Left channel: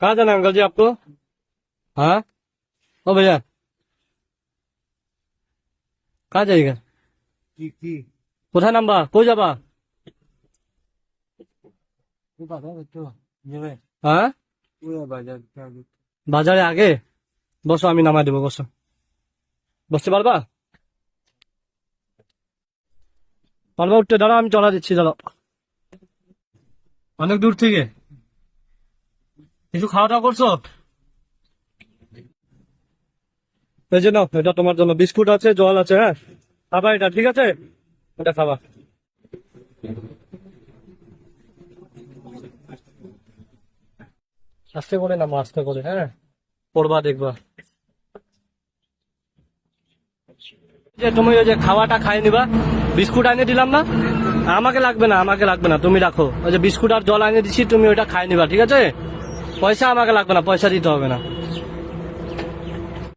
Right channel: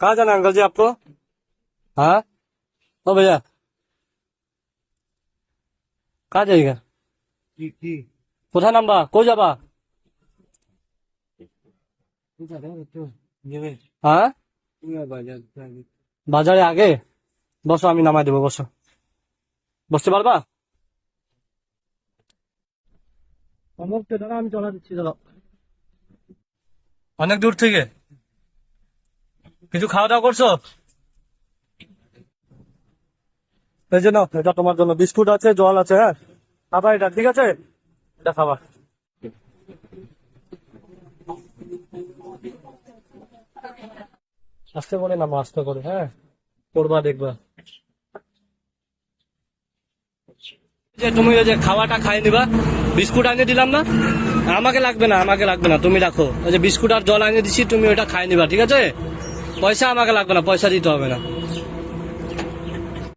कहाँ जाना है अंकल जी आपको? हाँ। ओ भैया, कहाँ जाएगा? ठीक ठीक কোথায় নামবা? কই যাবা? তো নেবে হ্যাঁ, পুরো বাজার বাজারে আগে বসো, আমি নামাই দেবো, বসো। বসতে পারবা? পারবা উঠতে? দাঁড়াও, আমি চলা দিচ্ছি, দাঁড়াও। অনেক দূর থেকে কিছু খাওয়া দাওয়া করছো? এই জন্য এটা তোমার জন্য বিস্কুট আছে, জল আছে, হ্যাঁ খাবা এটা, ঠিক আছে? এটা খাবা। আস্তে করে নামো, আস্তে করে, হ্যাঁ পড়বা দেখবা। যে তুমি ওই যে খাওয়াটা খাই নিবা, বিস্কুট আনিয়ে দিলাম না? আমাকে লাগবে না, আমাকে লাগবে না, তুমি রাখো। ওই যে বিস্কুট আর জল আনিয়ে দিচ্ছি, তুমি ওইটা খাই নিবা, ঠিক আছে? পয়সা আমাকে লাগবে না, পয়সা দিতে হবে না।